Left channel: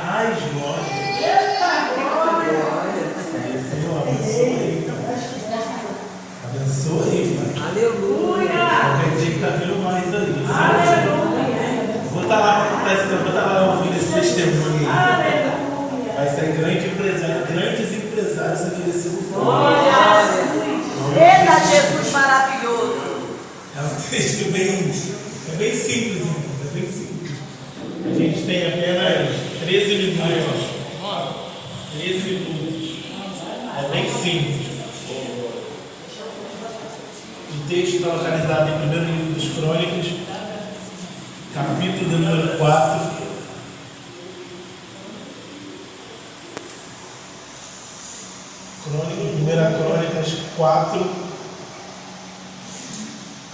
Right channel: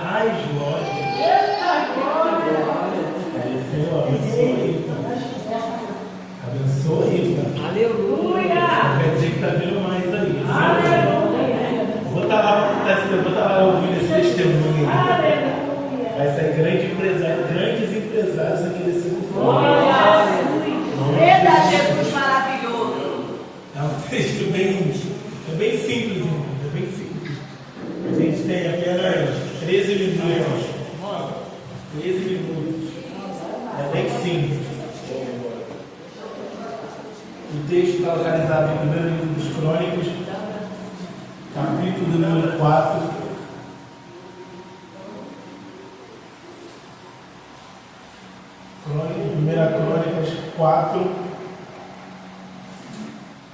Ai, glória. Senhor, abençoe. Abençoe. Aleluia. Quer dizer que está vindo mais ali. Vou estar lá ouvindo esse testemunho aí. Vai sair grandes empresários aqui desse lugar. Eita, Jesus maravilhoso. É um texto bem simples, irmão. É bem simples. A gente tem apenas 13 minutos. 13 minutos. É bem simples. O texto está localizado em 1º livro dos Crônicas, capítulo número 4. Primeira Crônicas 4,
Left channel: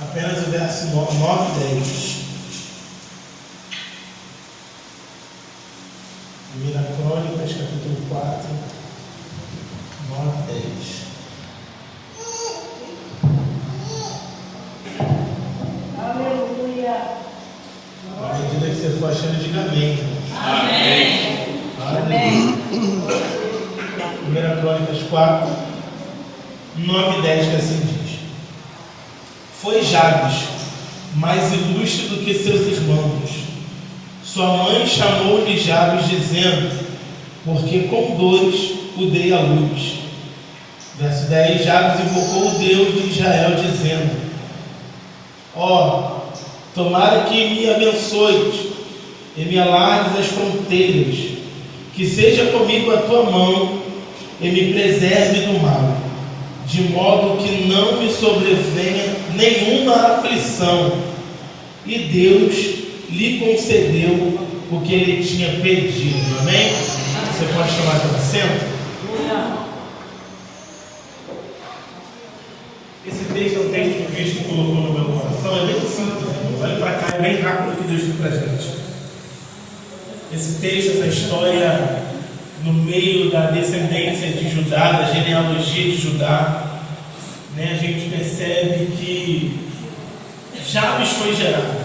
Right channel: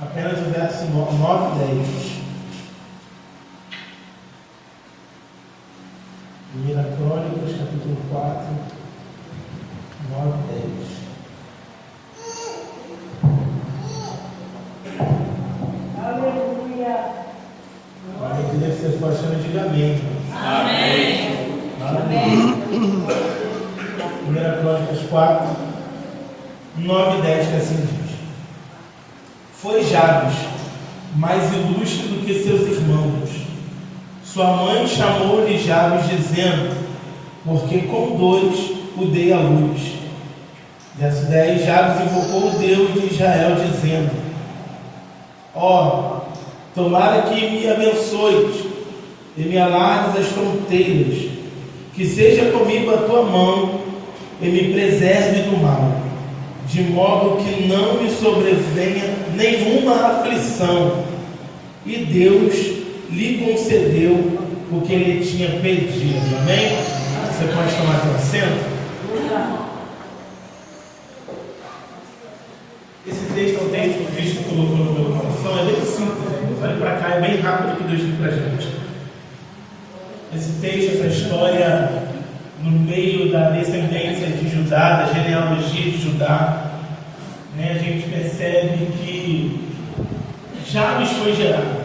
apenas o verso 9 e 10. Primeira Crônicas, capítulo 4, 9 e 10. Aleluia. À medida que você for achando, diga amém. Amém. Aleluia. Primeira Crônicas 4, 9 e 10, que assim diz: Foi Jabes mais ilustre do que seus irmãos. Sua mãe chamou-lhe Jabes, dizendo: Porque com dores o dei à luz. Verso 10: Jabes invocou o Deus de Israel, dizendo: Ó, tomara que me abençoes e me alargues as fronteiras, que seja comigo a tua mão e me preserve do mal, de modo que não me sobrevenha nenhuma aflição. E Deus lhe concedeu o que ele tinha pedido. Amém? Você pode tomar teu assento? Esse texto é um texto que o Cristo colocou no meu coração. É bem simples, olha para cá, é bem rápido o que Deus diz para a gente. Esse texto, essa história no meio da descendência de Judá, da genealogia de Judá, né, a gente percebe que Jabes foi gerado,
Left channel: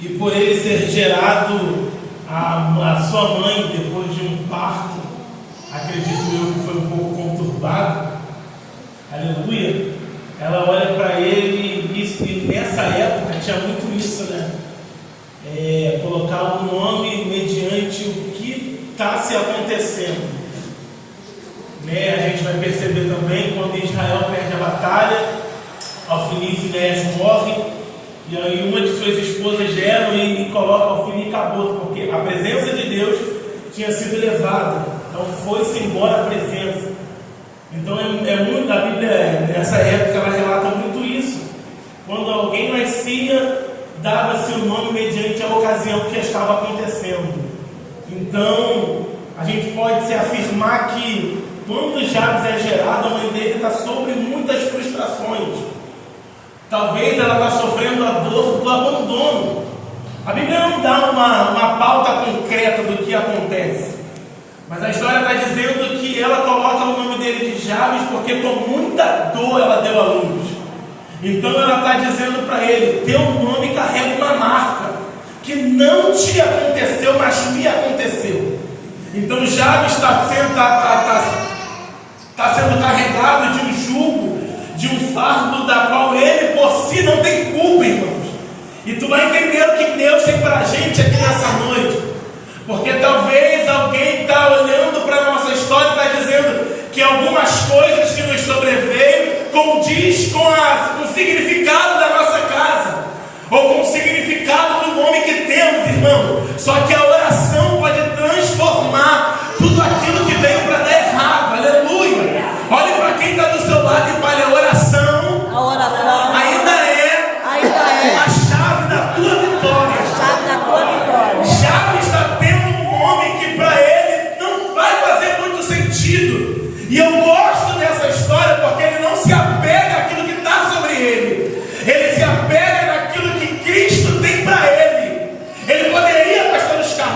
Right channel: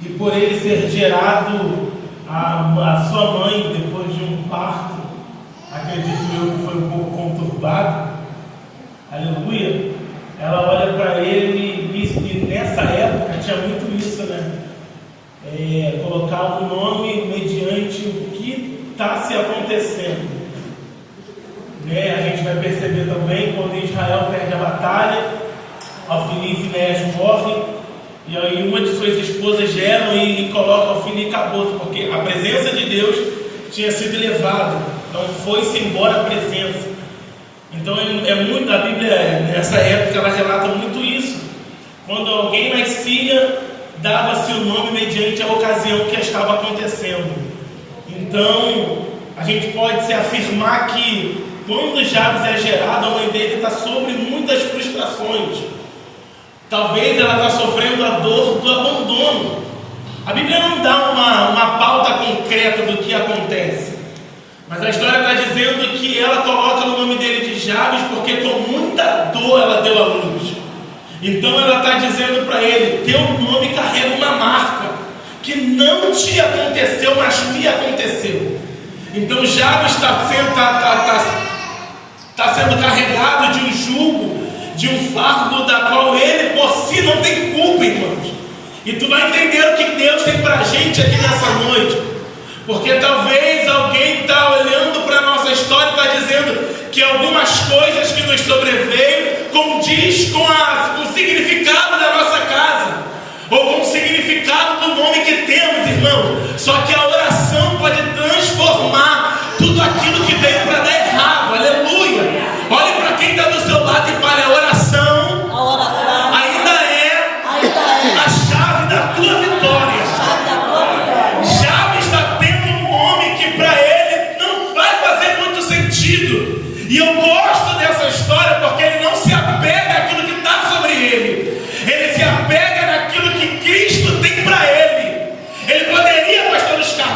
e por ele ser gerado, a sua mãe, depois de um parto, acredito eu que foi um pouco conturbado, aleluia, ela olha para ele, e nessa época tinha muito isso, né? Colocar o nome mediante o que está se acontecendo, né? A gente vai perceber também quando Israel perde a batalha, Ofni e Finéias morre, e aí uma de suas esposas gera e coloca Ofni e acabou, porque a presença de Deus tinha sido levada, então foi-se embora a presença. Então é muito, a Bíblia nessa época ela relata muito isso. Quando alguém nascia, dava-se o nome mediante a ocasião que estava acontecendo. Então a gente pode se afirmar que quando Jabes é gerado, a mãe dele está sobre muitas frustrações. Talvez ela está sofrendo a dor do abandono. A Bíblia não dá uma pauta concreta do que acontece, mas a história está dizendo que ela coloca o nome dele de Jabes porque com muita dor ela deu à luz. Então ela está dizendo para ele: teu nome carrega uma marca que não te aconteceu, mas me aconteceu. Então Jabes está sendo carregado de um jugo, de um fardo da qual ele por si não tem culpa, irmãos. E tu vai entender o que Deus tem para a gente aqui nessa noite, porque talvez alguém está olhando para a nossa história e está dizendo que algumas coisas que nos sobreveio condiz com o significado da nossa casa, ou com o significado do nome que temos, irmão. Só que a oração pode transformar tudo aquilo que veio para dar errado. Aleluia. Olhe para quem está do seu lado e fale: a oração ainda é a chave da tua vitória. Jabes está tendo um nome que para ele não vai fazer muito sentido. E eu gosto dessa história porque ele não se apega àquilo que está sobre ele. Ele se apega naquilo que Cristo tem para ele. Ele poderia, pastor Oscar,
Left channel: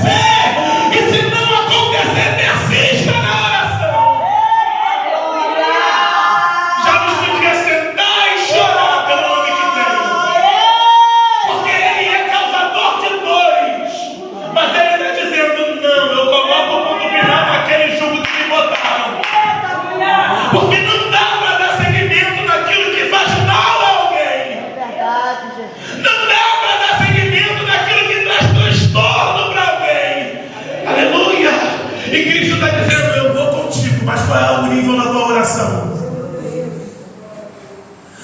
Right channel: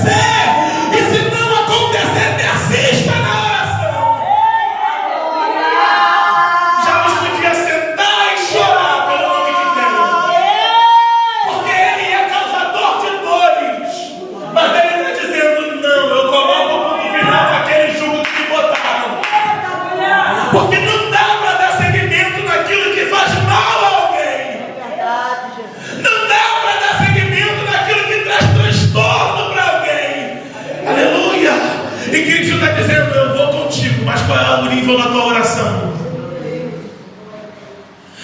acontecer. E se não acontecer, persista na oração. Já nos podia sentar e chorar pelo nome que tem. Porque ele é causador de dores. Mas ele está dizendo, não, eu coloco o ponto final naquele jugo que me botaram. Porque não dá para dar seguimento naquilo que faz mal a alguém. Não dá para dar seguimento naquilo que traz transtorno para alguém. Aleluia. E Cristo está dizendo, eu vou contigo. Mas qual é o nível da tua oração?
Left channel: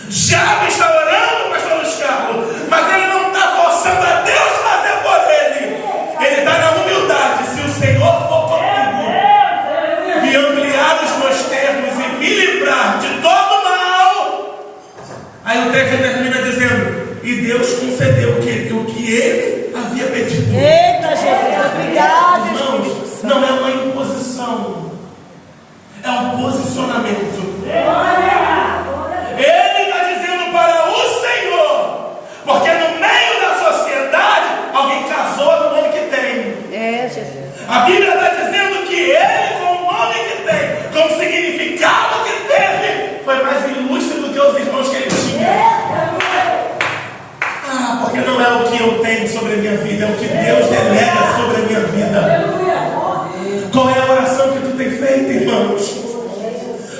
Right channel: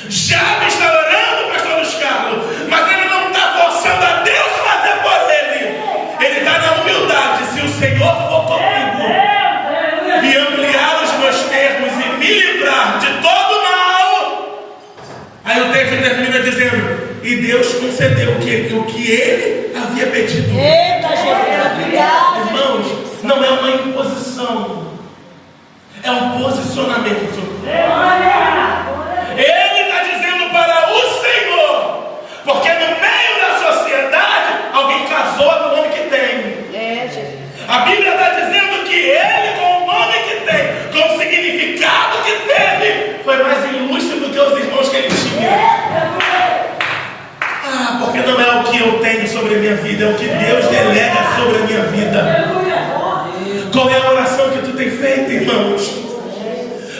Já me está orando, pastor Luiz Carlos, mas ele não está forçando a Deus fazer por ele. Ele está na humildade. Se o Senhor for comigo e ampliar os meus termos e me livrar de todo mal, aí o texto termina dizendo, e Deus concedeu o que ele havia pedido. Eita, Jesus, obrigado. Irmãos, não é uma imposição, é um posicionamento. Ele está dizendo para o Senhor, porque no meio da sociedade alguém casou no nome que tem. Jesus. A Bíblia está dizendo que ele, com o nome que tem, com o significado que teve, foi mais ilustre do que os irmãos que ele tinha. Ah, porque não é o que eu tenho sobre a minha vida, é o que Deus delega sobre a minha vida. Qual é a oração que tu tem feito, irmãos?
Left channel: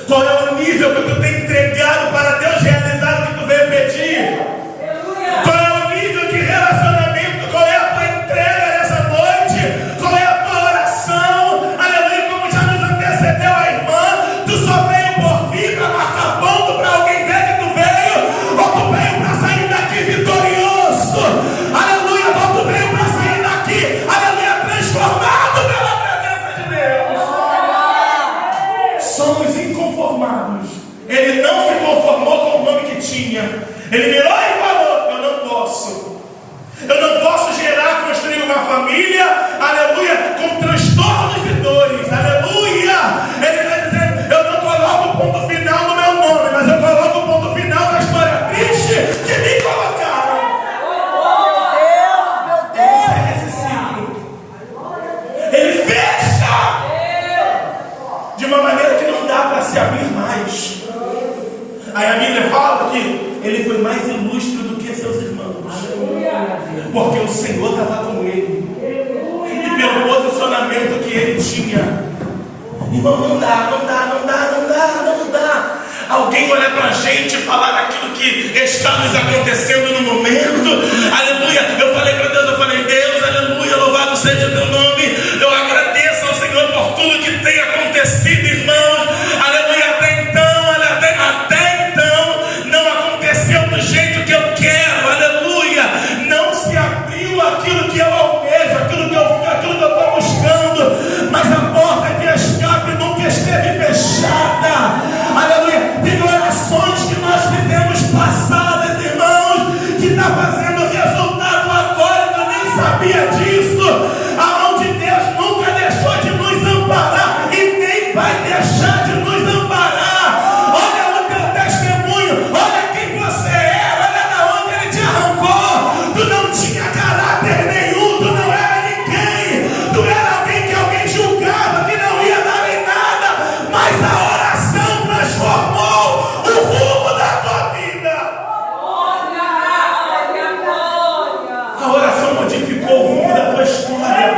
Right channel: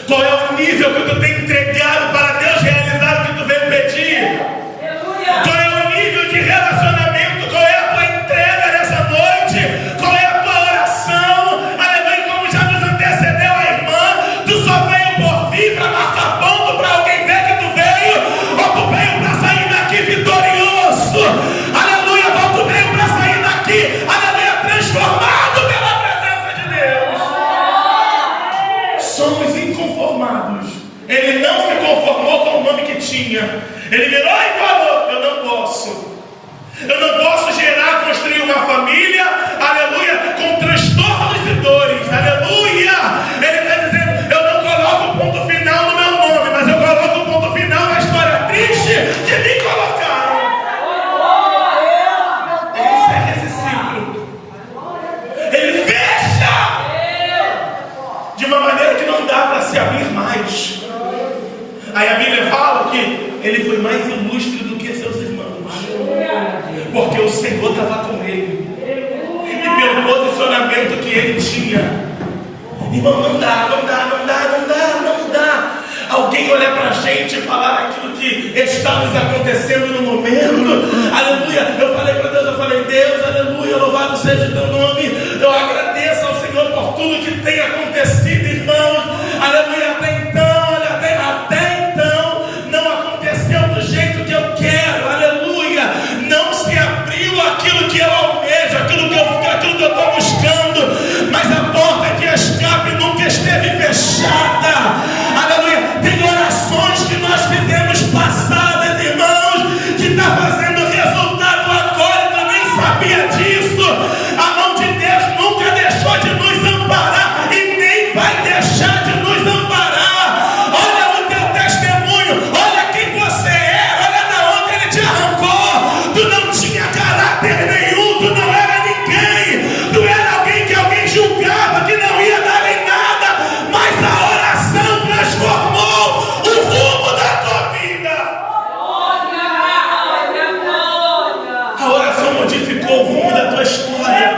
Qual é o nível que tu tem entregado para Deus realizar o que tu veio pedir? Qual é o nível de relacionamento? Qual é a tua entrega nessa noite? Qual é a tua oração? Aleluia, como já nos antecedeu a irmã, tu só veio por vir para marcar ponto para alguém ver que tu veio, ou tu veio para sair daqui vitorioso? Aleluia, ou tu veio para sair daqui, aleluia, transformado pela presença de Deus. Somos inconformados. Ele não se conformou com o nome que tinha. Ele mirou e falou, eu não posso. Eu não posso gerar, construir uma família, aleluia, com transtornos e dores, aleluia. Ele está dizendo, eu não coloco o ponto final no meu nome, mas eu coloco o ponto final na história triste que me colocaram. Ele encerra esse ciclo. Ele fecha de uma maneira que não dá para se abrir mais. Aí a Bíblia fala que ele foi mais ilustre do que seus irmãos. Porque o Senhor estava com ele. E pelo posicionamento que ele tinha. Irmão, não dá. Alguém olhar para a gente e falar aquilo que está nos acontecendo no momento. Aleluia. Eu falei para Deus, Deus, aleluia, louvado seja o teu nome. Eu agradeço ao Senhor por tudo que tem acontecido, irmãos. Aleluia, até então, não aconteceu do jeito que eu quero. Aleluia. Não se abriu aquilo que eu almejo, aquilo que eu estou buscando. Mas a porta de escape nunca esteve fechada. Aleluia. Tem orações que nós fizemos passadas, irmãos, que está fazendo resultado agora, eu nem sabia disso. A mão de Deus nunca deixou de nos amparar e nem vai deixar de nos amparar. Olha o teu testemunho, olha quem você é, olha da onde ele te arrancou. Tu não tinha caráter nenhum, tu não era ninguém, tu era alguém que alguém julgava que não ia dar em nada, mas a oração transformou o rumo da tua vida. A oração modificou o rumo da tua história.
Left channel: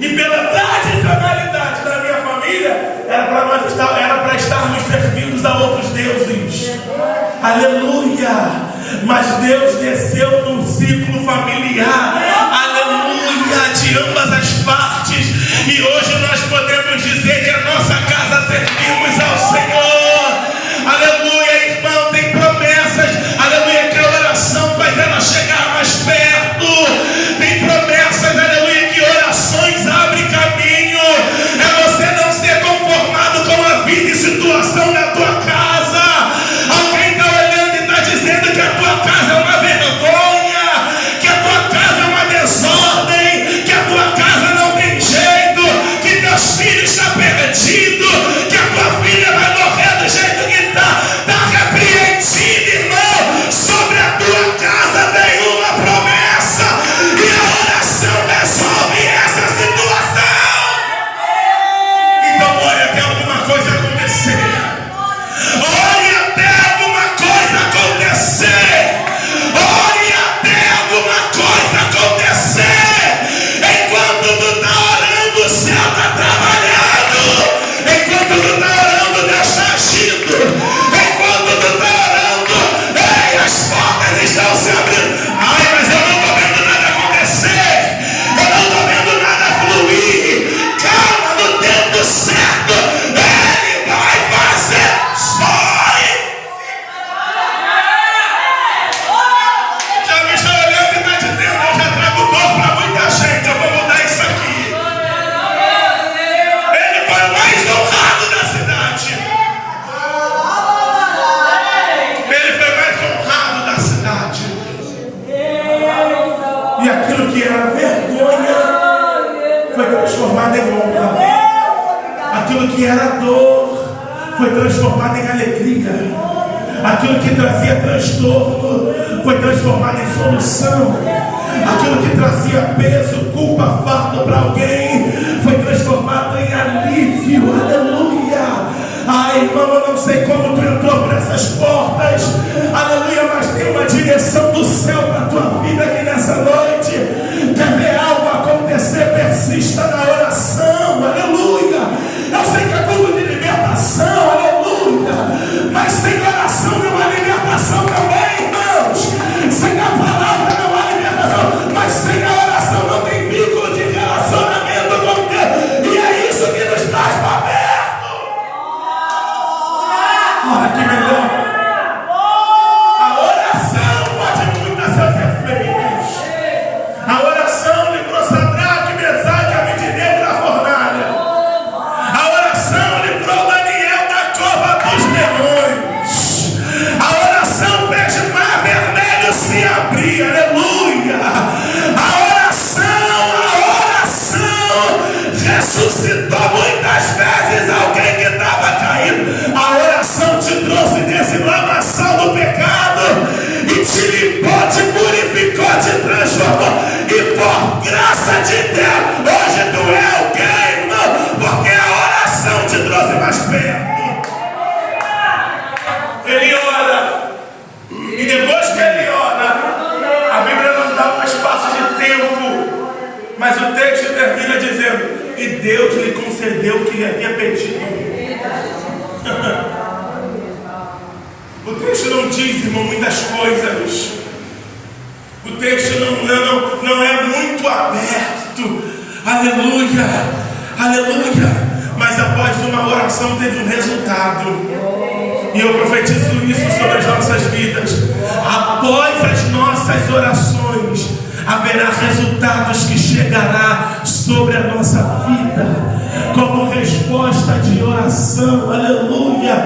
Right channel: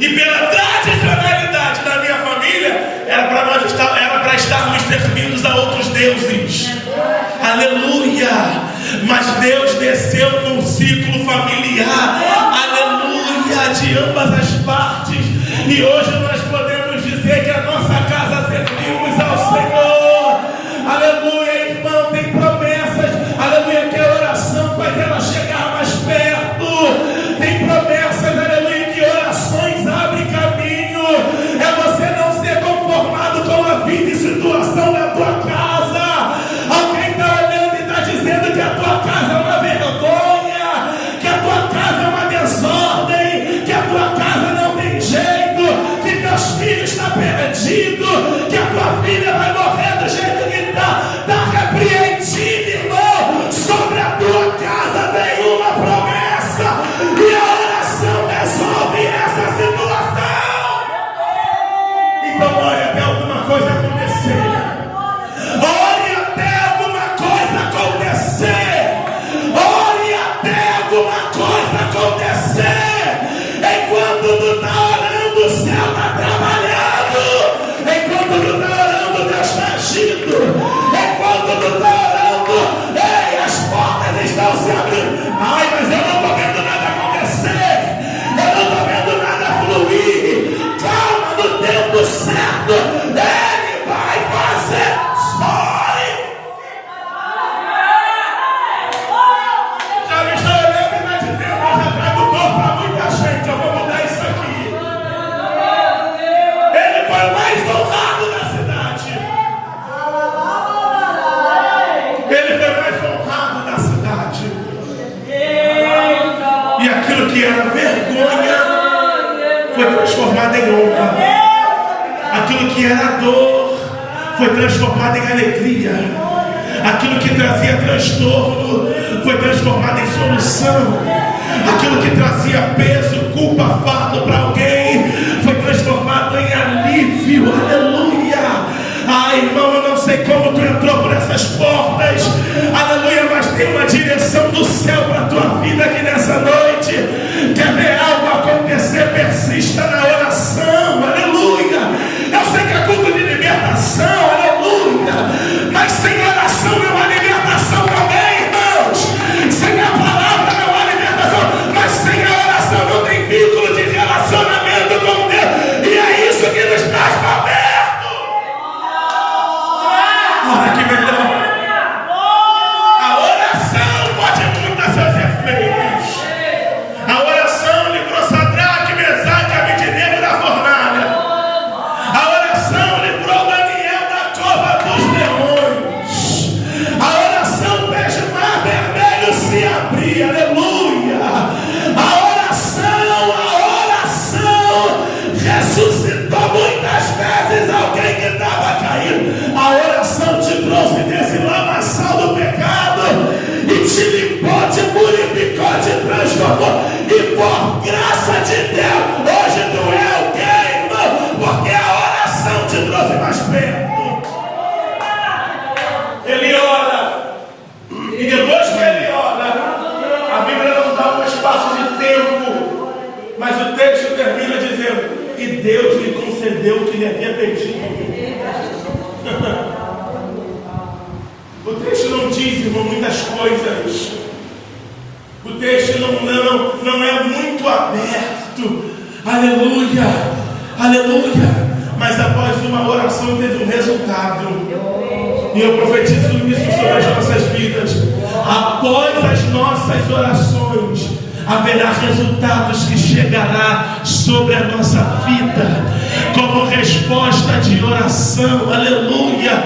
E pela tradicionalidade da minha família, era para estarmos servindo a outros deuses. Aleluia. Mas Deus desceu num ciclo familiar. Aleluia. De ambas as partes. E hoje nós podemos dizer que a nossa casa servimos ao Senhor. Aleluia, irmão, tem promessas. Aleluia, que a oração faz ela chegar mais perto. Tem promessas, aleluia, que orações abrem caminho. É você não ser conformado com a vida e situação da tua casa. Alguém está olhando e está dizendo que a tua casa é uma vergonha. era vergonha foi transformado em honra. Aquilo que era dor foi transformado em alegria. Aquilo que trazia transtorno foi transformado em solução. Aquilo que trazia peso, culpa, fardo para alguém foi transformado em alívio. Aleluia. Ai, irmão, eu não sei como tu entrou por essas portas. Aleluia, mas tem uma direção do céu para a tua vida aqui nessa noite. Quer ver algo acontecer? Persista na oração. Aleluia. Eu sei que é culto de libertação. Aleluia. Mas sem oração não há libertação também, irmãos. Sem a palavra não há libertação. Mas sem a oração não tem vínculo de relacionamento com Deus. E é isso que nos traz para perto. Olha que melhor. A oração pode mudar seus efeitos. A oração livrou Sadraque, Mesaque e Abednego da fornalha. A oração livrou Daniel da cova dos demônios. A oração fez o mar vermelho se abrir. Aleluia. A oração ressuscitou muitas vezes alguém que estava caído. A oração te trouxe desse lamaçal do pecado e te limpou, te purificou, te transformou. E por graça de Deus, hoje tu é alguém, irmão, porque a oração te trouxe mais perto. Ele ora, e depois que ele ora, a Bíblia não dá um espaço de tempo, mas o texto termina dizendo: e Deus lhe concedeu o que lhe havia pedido. O texto não diz, irmão, muitas coisas. O texto não é muito aberto. Aleluia, aleluia. Mas após uma oração teve um resultado. E eu profetizo isso sobre as nossas vidas. Após as nossas orações haverá resultados que chegará sobre a nossa vida como resposta de oração. Aleluia.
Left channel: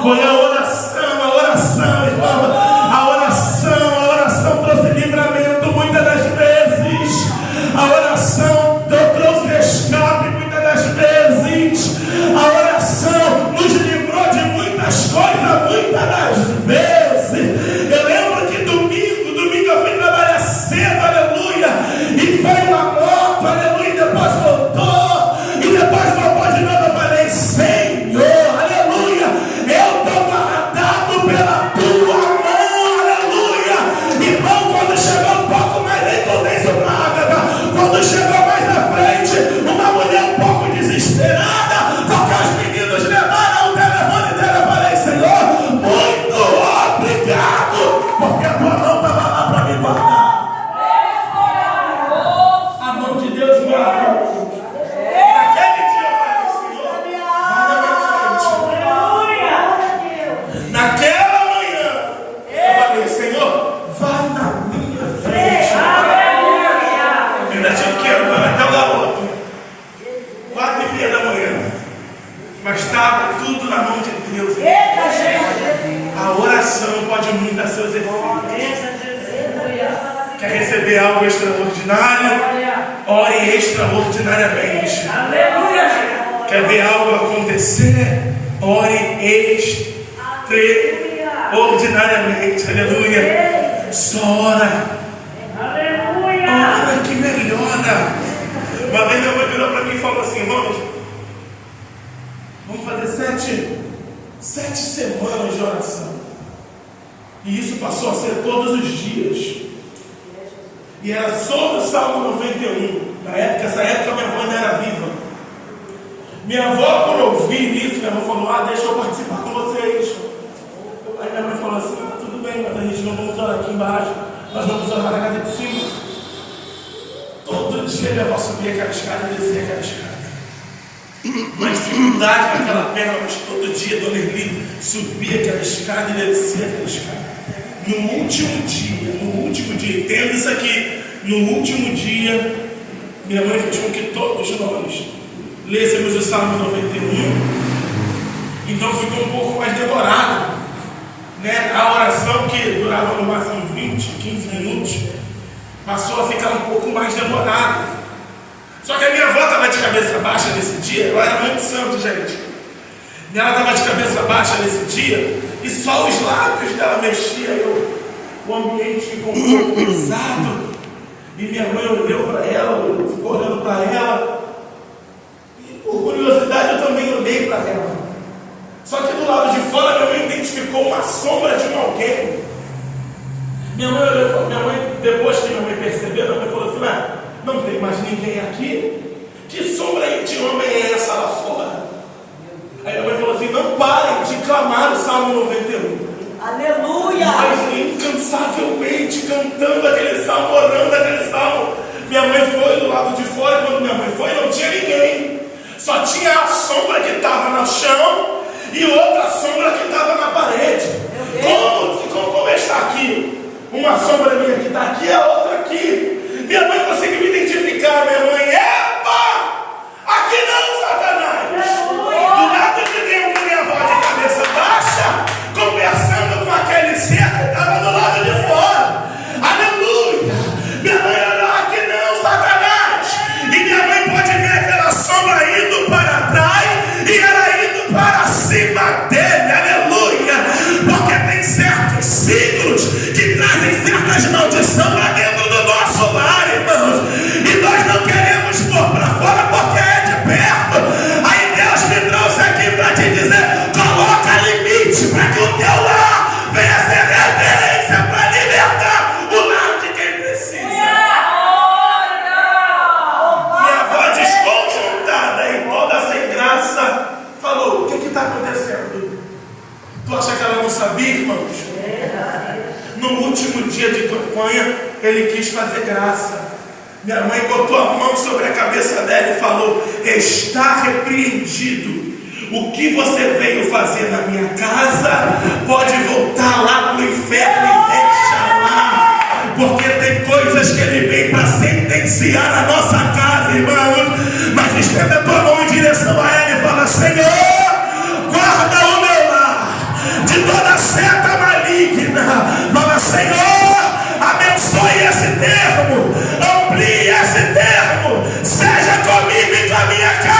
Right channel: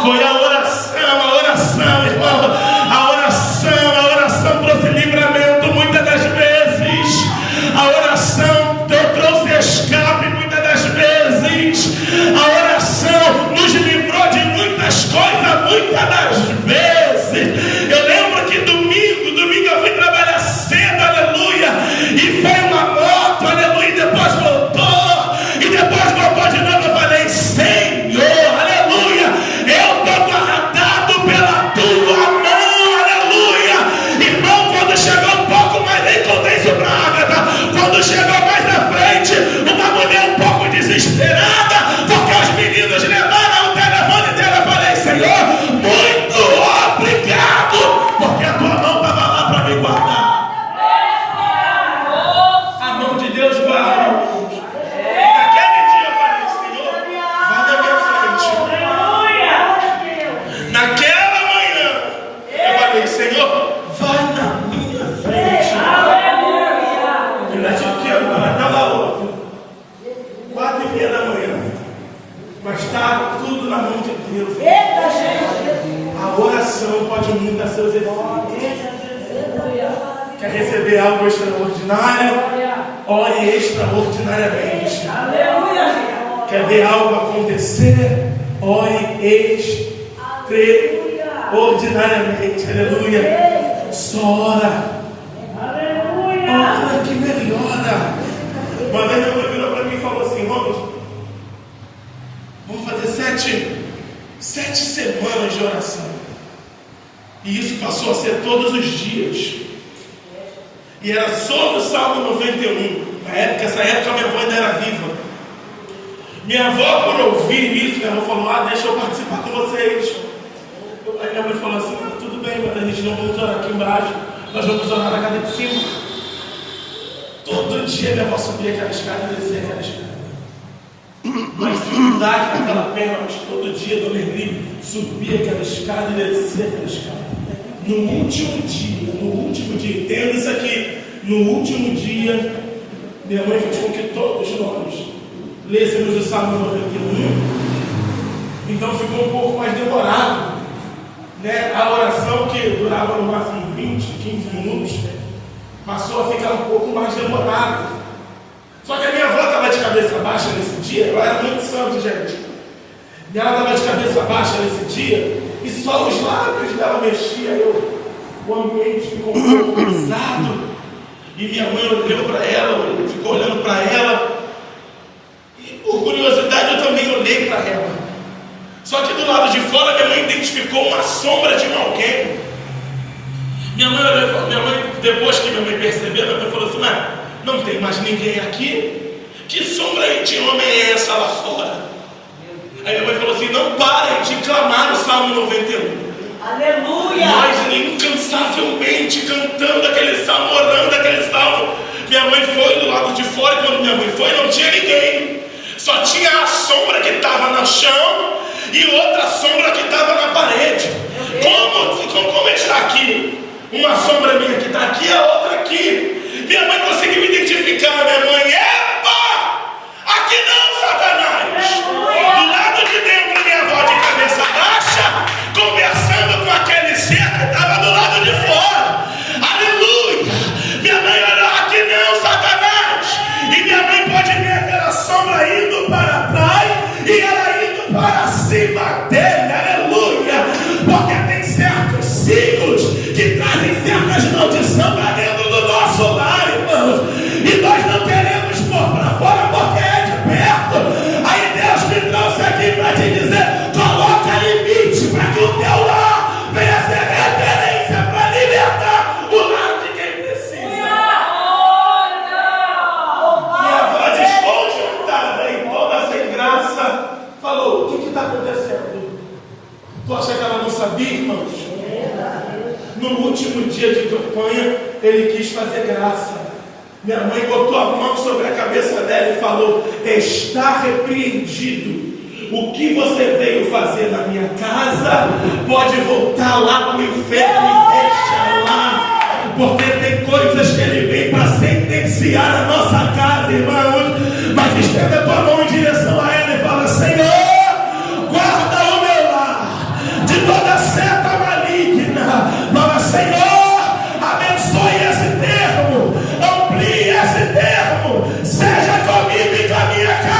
Foi a oração, irmão. A oração trouxe livramento muitas das vezes. A oração trouxe escape muitas das vezes. A oração nos livrou de muitas coisas muitas das vezes. Eu lembro que domingo eu fui trabalhar cedo, aleluia, e veio uma moto, aleluia, e depois voltou, e depois voltou de novo. Eu falei: Senhor, aleluia, eu estou guardado pela tua mão, aleluia. Irmão, quando chegou um pouco mais, nem contei isso para a Agatha, quando chegou mais à frente, uma mulher um pouco desesperada, porque os meninos levaram o telefone dela. Eu falei: Senhor, muito obrigado, porque a tua mão estava lá para me guardar. A mão de Deus guarda. Naquele dia eu falei: Senhor, vai na minha frente. Naquela manhã eu falei: Senhor, vai na minha frente. Eu ainda tive que andar até o garoto, 4:30 da manhã. Mas estava tudo na mão de Deus. A oração pode mudar seus efeitos. Quer receber algo extraordinário? Ore extraordinariamente. Quer ver algo acontecer? Ore extraordinariamente. Aleluia. Só ora. Ora que melhora. Uma vez minha mãe virou para mim e falou assim: vamos fazer 7 semanas de oração. E isso passou a ser todos os dias. E era só no Salmo 91. Nessa época minha avó ainda era viva. Minha avó, por ouvir isso, minha avó falou: deixa eu participar com vocês. Aí minha mãe falou assim: tudo bem, mas a gente não vamos orar aqui embaixo, nós vamos orar na casa de cima. Todo dia minha avó subia aquela escada e descia aquela escada. Mas dificuldade naquela perna, mas todo dia Dona Erli subia aquela escada e descia aquela escada. No último dia, entenda isso aqui, no último dia, minha mãe fez com que todos nós lêssemos o Salmo 91, então ficou um pouco mais demorado, né? A oração que durava no máximo 20, 15 minutos, passou a ficar um pouco mais demorado. Só que a minha avó estava de cabeça baixa nesse dia, ela era muito santo, gente. E ela estava de cabeça baixa nesse dia, e só os lábios dela mexiam. O ambiente ficou um pouco pesado. E minha mãe olhou para ela, ficou olhando para ela. E por curiosidade eu também olhei para ela. Só que do lado de fora minha mãe identificou uma sombra de alguém. Minha mãe, depois que minha mãe percebeu, minha mãe falou assim: mas não tem mais ninguém aqui? Que sombra de homem é essa lá fora? Aí minha mãe falou assim: não parem de clamar o Salmo 91. Aleluia! Nós incansavelmente cantando aquele salmo, orando aquele salmo. Minha mãe foi do lado de fora, e quando minha mãe foi, não tinha ninguém. Só tinha a sombra que estava no chão e outra sombra que estava na parede. Como está aqui? Uma sombra minha que está aqui, a outra aqui. Minha mãe conseguiu identificar. Minha mãe: epa! Aqui não, Satanás! Do lado de dentro, minha avó de cabeça baixa, conversando com aquele ser que estava do lado de fora. Aleluia! Minha mãe olhou: aqui não, Satanás! E minha mãe pode ver aquela sombra indo para trás e ela indo para cima dele. Aleluia! Porque tem certos signos que trazem certas maldições lá dentro do nosso lar, irmãos. E nós não queremos pôr para fora porque é de perto. Aí Deus me trouxe aqui para te dizer: coloca limite para que o teu lar venha ser referência para libertar o lar de quem precisa. Minha avó desconjuntada e toda sem graça falou: o que está acontecendo? Tu acha que ela não sabia, irmãos? No último dia de campanha, ele quis fazer graça. Minha mãe botou a mão sobre a cabeça dela e falou: está repreendido. O que você veio fazer na minha casa, pode voltar lá para o inferno e deixa lá. Porque tem coisas que ele vem para sentenciar na nossa casa, irmãos. Mas estenda a tua mão em direção a ele e fala: Senhor, guarda o meu lar de toda seta maligna. Fala: Senhor, abençoe esse termo, amplie esse termo, seja comigo e com a minha casa.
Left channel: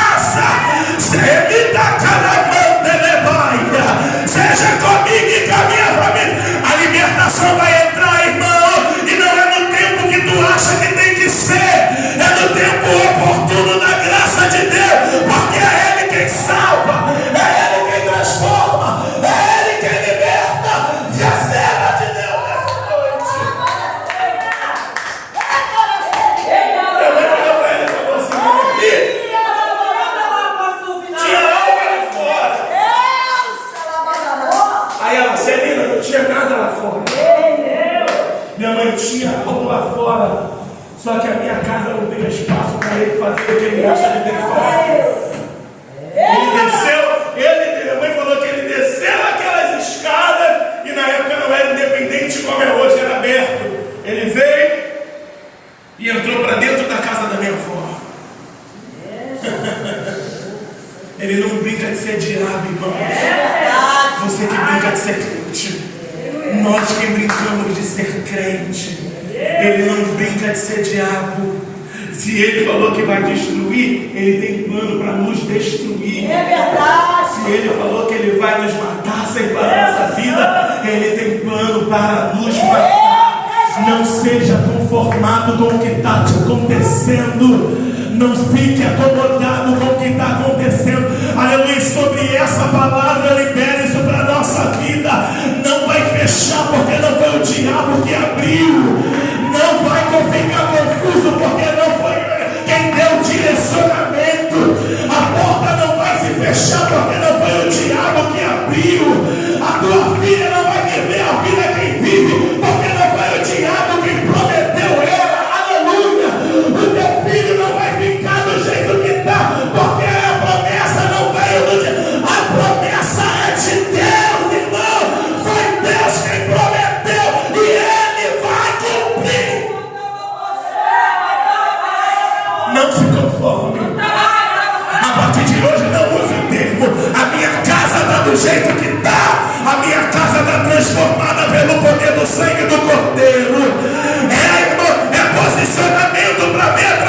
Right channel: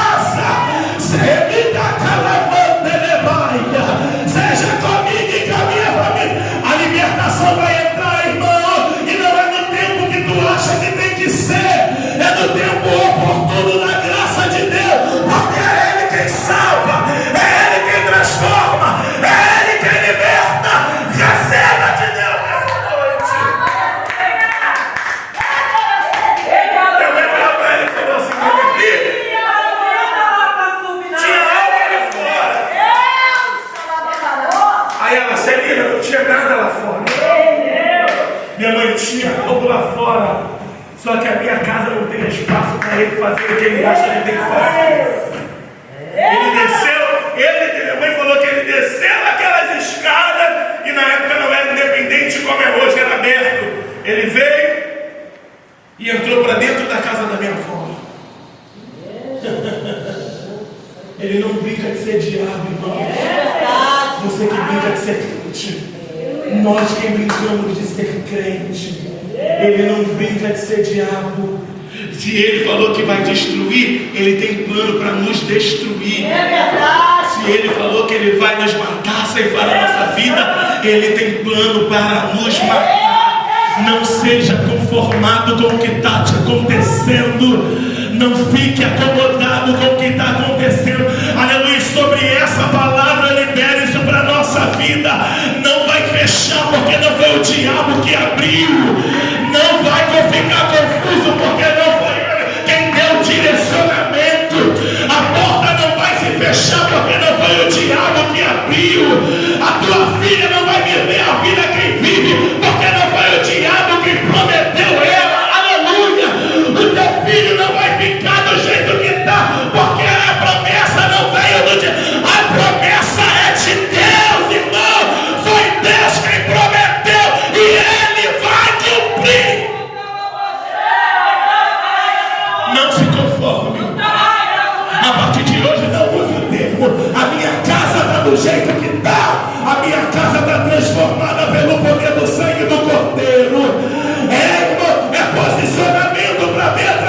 Seja comigo e com a minha família. A libertação vai entrar, irmão. E não é no tempo que tu acha que tem que ser, é no tempo oportuno da graça de Deus. Porque é Ele quem salva, é Ele quem transforma, é Ele quem liberta. Receba de Deus nessa noite. Eu vou olhar para ele e falar assim: meu filho, tinha algo ali fora. Aí ela: Celina, não tinha nada lá fora. Minha mãe: tinha algo lá fora, só que a minha casa não tem espaço para ele fazer o que ele acha que tem que fazer. Ele desceu, minha mãe falou que ele desceu aquelas escadas, e na época não era independente como é hoje, era aberto. Ele veio e entrou para dentro da casa da minha avó. Ele não brinca de ser diabo, irmão. Você que brinca de ser crente. Nós que brincamos de ser crente. Ele não brinca de ser diabo. Se ele falou que vai destruir, ele tem plano para nos destruir. Se ele falou que ele vai nos matar, ceifar a nossa vida, ele tem plano para nos matar. Não seja conformado com o que está te acontecendo. Não fique acomodado com o que está acontecendo. Aleluia. Sobre essa palavra, libere isso para a nossa vida. Não vai fechar porque não foi o diabo que abriu. Não vai ficar confuso porque não foi quem deu o direcionamento. A porta não vai se fechar porque não foi o diabo que abriu. A tua filha não vai viver a vida quem vive porque não foi o diabo que prometeu ela. Aleluia. O teu filho não vai ficar do jeito que está porque a promessa não veio do diabo. A promessa é de Deus, irmão. Foi Deus quem prometeu e Ele vai cumprir. Não se conforme. A partir de hoje não use o termo: a minha casa está do jeito que está. A minha casa está transformada pelo poder do sangue do Cordeiro. É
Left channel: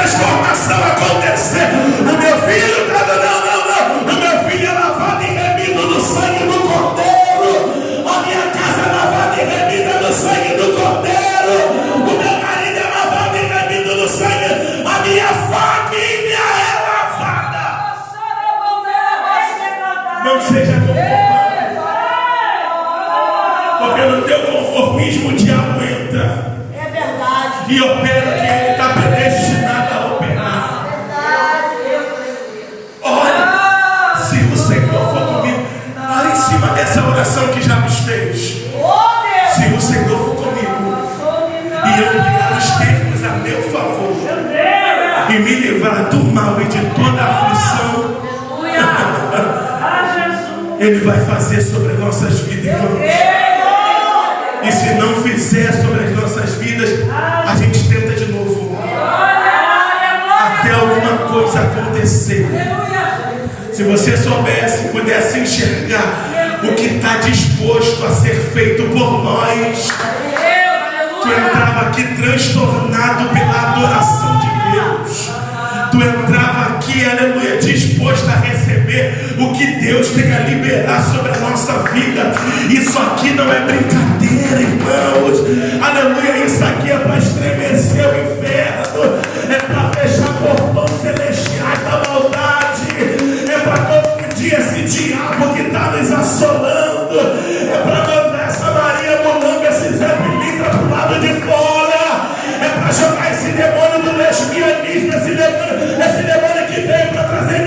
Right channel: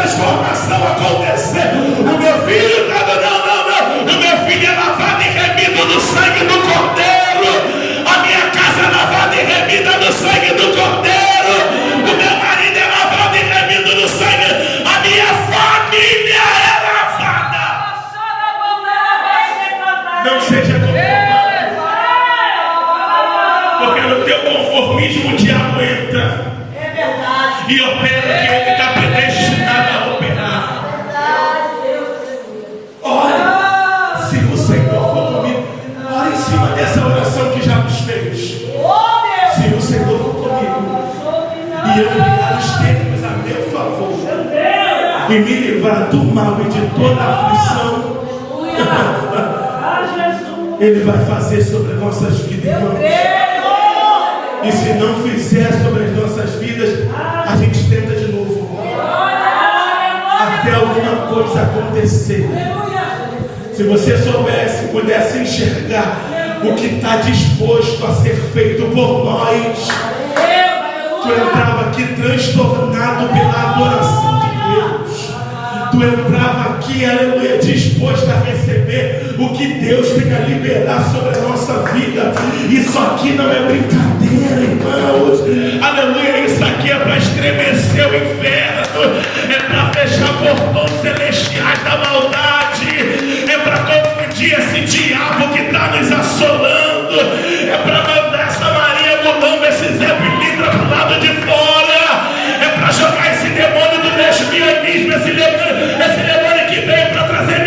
transformação acontecer. O meu filho está não. O meu filho é lavado e remido no sangue do Cordeiro. A minha casa é lavada e remida no sangue do Cordeiro. O meu marido é lavado e remido no sangue. A minha família é lavada. Não seja conformado, porque no teu conformismo o diabo entra. É verdade. E opera o que ele está predestinado a operar. Olha, se o Senhor for comigo, olha em cima dessa oração que já nos fez. Se o Senhor for comigo e eu criar os termos a meu favor e me livrar do mal e de toda a aflição, Ele vai fazer sobre as nossas vidas, irmãos. E se não fizer sobre as nossas vidas, a gente tenta de novo, até alguma coisa acontecer. Se você soubesse, pudesse enxergar o que está disposto a ser feito por nós, tu entrava aqui transtornado pela adoração de Deus. Tu entrava aqui, aleluia, disposto a receber o que Deus tem a liberar sobre a nossa vida. Isso aqui não é brincadeira, irmãos. Aleluia, isso aqui é para estremecer o inferno, é para fechar portões celestiais da maldade, é para confundir esse diabo que está nos assolando, é para mandar essa Maria Mulamba, esse Zé Pilintra para o lado de fora, é para jogar esse demônio do lesbianismo, esse demônio que veio para trazer